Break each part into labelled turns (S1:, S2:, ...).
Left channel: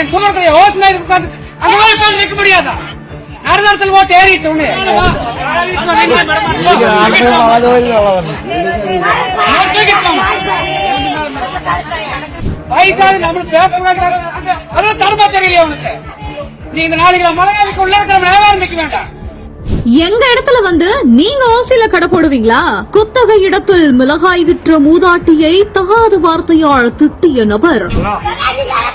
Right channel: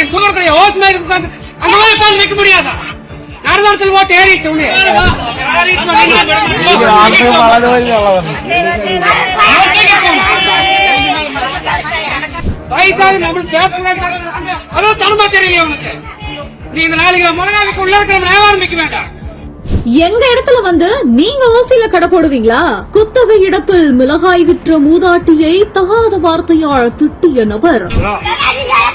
S1: நீ சுகர் ஓட்டு மாதிரி உட்காந்து அந்த மாதிரி உட்காந்து முடியாதா? ஓட்டு ஏறிட்டு உள்ள வயசாது நம்மளுக்கு தெரியல நீ இந்த நாளைக்கு உள்ள இருக்கிற வியாபாரம் வேண்டாம்.
S2: எங்க இடத்துல வந்து நீங்க ஓசில கடை போடுவீங்களா? குத்தகை இடத்தில் மிளகாய் விற்ற மூதாட்டியை தகாத வார்த்தையால் திட்டிய நபர்.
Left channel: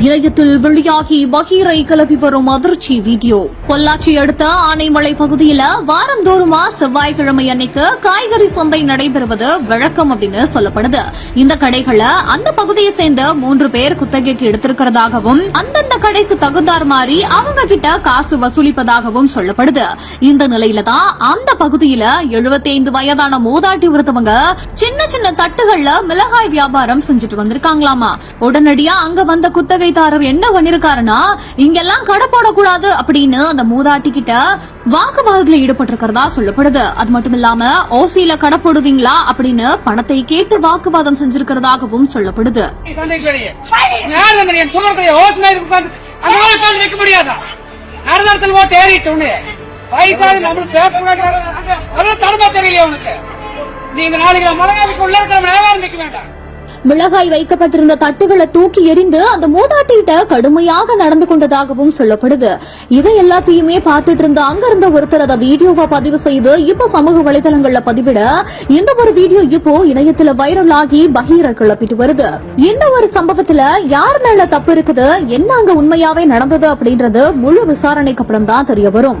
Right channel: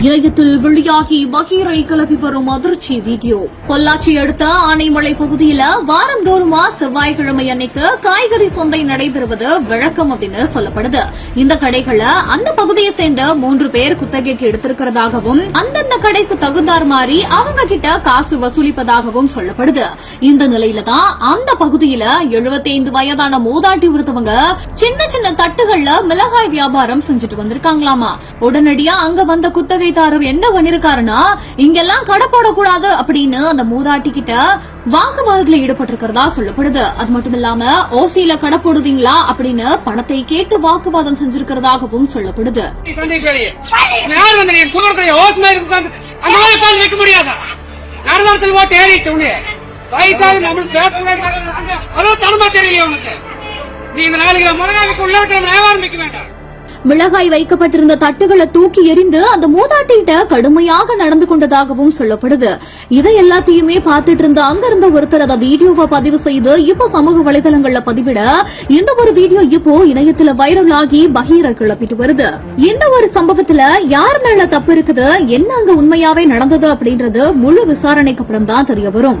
S2: இணையத்தில் வெளியாகி பகீரை கிளப்பி வரும் அதிர்ச்சி வீடியோ. பொள்ளாச்சி அடுத்த ஆனைமலை பகுதியில வாரந்தோறுமா செவ்வாய்க்கிழமை அன்னைக்கு காய்கறி சந்தை நடைபெறுவது வழக்கம் அப்படின்னு சொல்லப்படுது. இந்த கடைகளை அந்த பகுதியை சேர்ந்த மூன்று பேர் குத்தகைக்கு எடுத்திருக்கிறதாகவும் அந்த கடைக்கு தகுந்தார் மாதிரி அவங்க கிட்ட காசு வசூலிப்பதாகவும் சொல்லப்படுது. இந்த நிலையில தான் அந்த பகுதியில 75 வயதான மூதாட்டி ஒருத்தவங்க சின்ன சின்ன தட்டுகள்ல மிளகாய் வியாபாரம் செஞ்சுட்டு வந்திருக்காங்களாமா. உடனடியா அங்க வந்த குத்தகைதாரர் என்ன பண்ணிருக்காருன்னா இங்கெல்லாம் கடை போடக்கூடாது அப்படின்னு அந்த மூதாட்டி கிட்ட வாக்குவாதத்துல ஈடுபட்டிருக்கிறதா சொல்லப்படுது. அது மட்டும் இல்லாம ஓசியில கடை போடுவீங்களா அப்படின்னு பணத்தை கேட்டு வாக்குவாதம் செஞ்சிருக்கிறதாகவும் சொல்லப்படுது.
S1: யார் வந்து நீ முடியாதா? ஏறிட்டு வயசாது நம்மளுக்கு தெரியல உனக்கு? நீ இந்த நாளைக்கு மிளகாவிக்கு உள்ள இருக்கிற வியாபாரம் வைக்க வேண்டாம்.
S2: மிளகாய் வைக்கப்பட்டிருந்த தட்டுகளை தூக்கி எறிந்து அந்த மூதாட்டிகிட்ட கடுமையாக நடந்து கொண்டதாகவும் சொல்லப்படுது. இதை எல்லாத்தையுமே பார்த்துட்டு இருந்த அங்க இருந்த ஒருத்தர் அதை வீடியோவா பதிவு செய்து இப்போ சமூக வலைதளங்கள்ல பதிவிட இந்த ஒரு வீடியோ இப்போ இணையத்துல வைரல் ஆகி பகீர கிளப்பிட்டு வருது. இந்த ஒரு சம்பவத்துல யார் மேல தப்பு இருக்குது என்ன அங்க உண்மையாவே நடந்தது அப்படின்றது முழு விசாரணைக்கு அப்புறம் தான் தெரிய வரும்.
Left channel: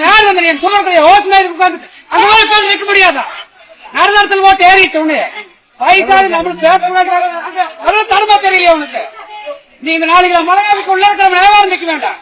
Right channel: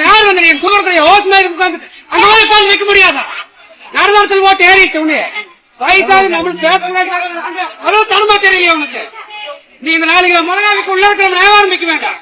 S1: யார் வந்து நீ முடியாதா நடந்தாடத்தில் ஓட்டு ஏறிட்டு வயசாது நம்மளுக்கு தெரியல உனக்கு நீ இந்த நாளைக்கு மிளகாவிக்கு உள்ள இருக்கிற வியாபாரம் வைக்க வேண்டாம்